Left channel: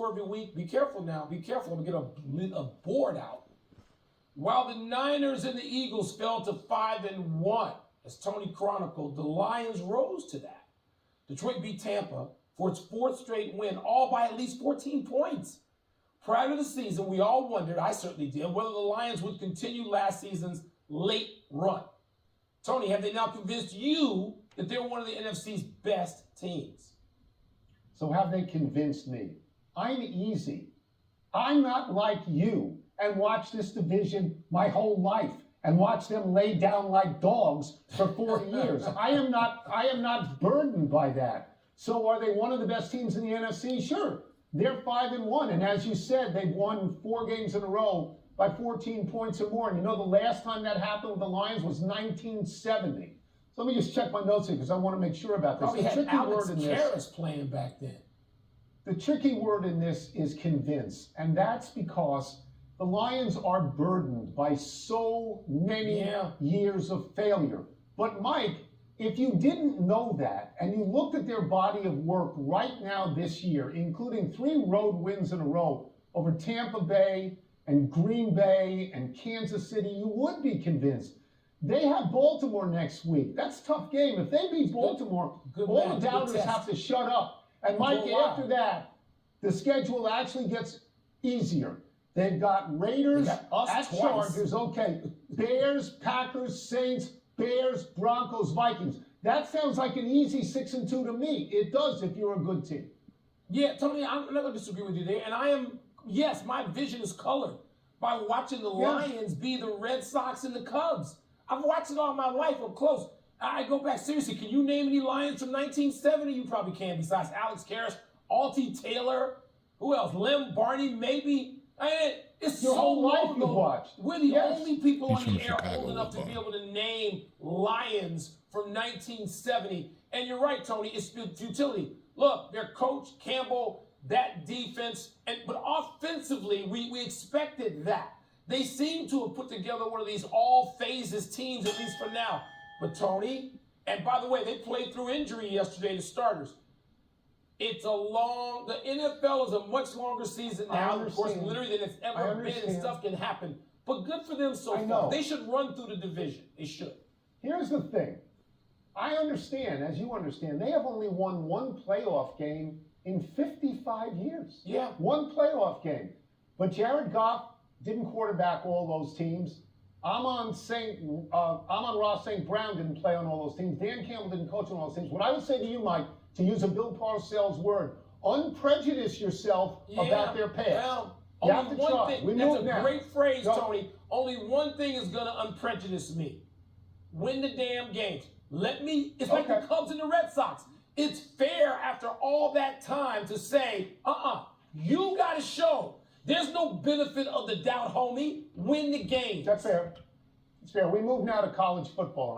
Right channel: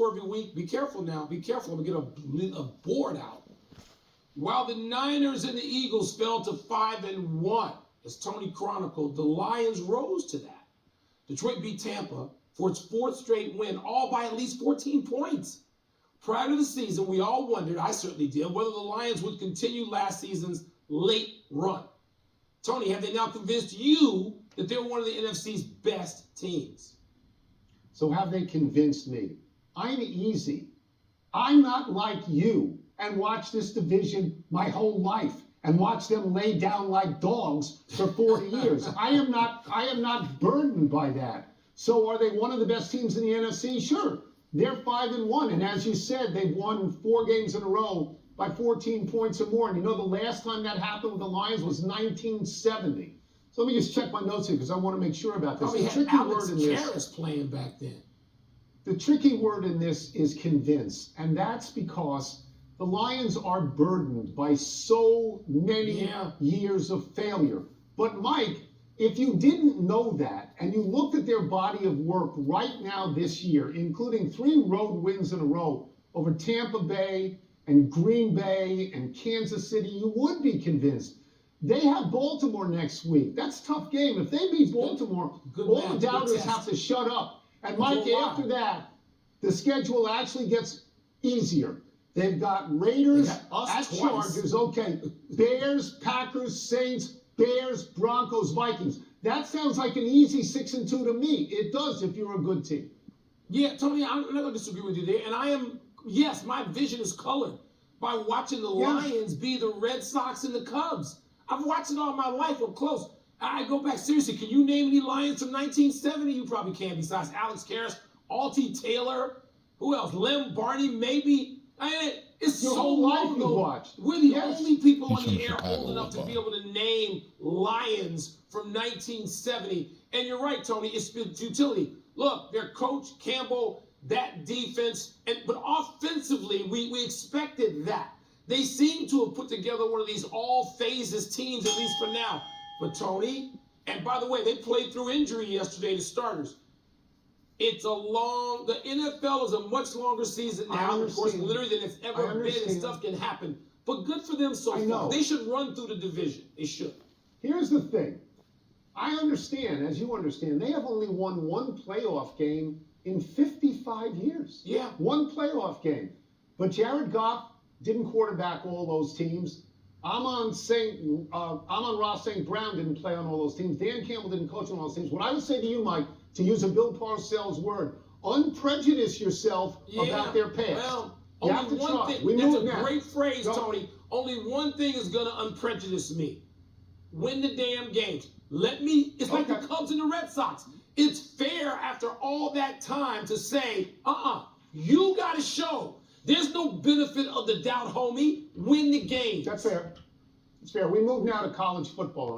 score every week. Be careful now. Be careful. I'm going to get a board out. While the Niners and the Eagles fell to 5-1, as Tony chronicled, the Lions rose to that. Detroit beat Tampa for its fourth straight win, all by at least 14 points. Prior to the season, we all wondered, I certainly did, whether the Lions would continue last season's late run. Tony, have they now convinced you that they're one of the NFC's best teams? So have they convinced me? I'm easy. I'm not like you and watch this division my whole life and watch them lay down like dogs for 40 years. I am not burdened by that. So are they one of the best teams in the NFC? Sure. They're 5-1, and as you said, they've won 4 games in a row by 14 points or more. And you know the last time that happened with the Lions was 1970. So let me just check my notes here because I want to make sure about this. Probably had Alex Karras playing back then. The tricky word in this is convince, and that's because the Lions are burdened by so many years of failure. But Mike, if you didn't know that and you looked at their body of work right now this year, including 3 road wins in a row over Tampa Bay and Green Bay and Kansas City, you would be convinced. They have Baltimore next week. That's a tough game. If they beat Baltimore, all the doubters have to shut up. And Mike, after that, the schedule actually gets easier. They've got Raiders at Chargers. Okay, Bears, Packers, Saints, Bears, Broncos, Vikings. That sounds like an easy 6-2 to me. It does if you're a good team. Yeah, Tony, I'm not going to disagree with you there. And yes, my vision is colored by watching the Lions be the Red Sox and the Cubs. I've watched it all my life up close. I go back, seriously, can you name any Lions from 1970? You probably can, besides Alex Karras, Altie Taylor, who else? Lem Barney, maybe. It's Your so whole life long you ago. watched. We're the only people on the air Chicago old enough to be able to name Lions from 1970. And you're right, Tony, it's futility. Look, their coach, Campbell, that defense, but offensively, we expected that. They seem to have put together one of these all phases teams, at least for now. But Tony, and by the way, they played through injury yesterday, the starters. The NFL is a much longer season now, of course, literally than it's ever been, and stuff can happen. But good for them so far. They should run through the division. They should. Here's the thing. I understand, as you understand, they have only won 1 playoff game in 55 years. Yeah. 1 playoff game. But Jared Goff didn't quarterback all those teams. Amon-Ra St. Brown didn't play on all those teams. Dan Campbell didn't coach on all those teams. What I would say to you, Mike, to use a Bill Parcells word, unprejudice yourself about their past. Well, you have to only one thing. That's a great phrase, Tony. Only one thing is going to unprejudice me. Win the damn games. It's like the Cubs and the Red Sox. It's fair after all that time to say, you got to show. There's no benefit of the doubt, homie. Win the game. That's fair. It's fair. We move now to college football.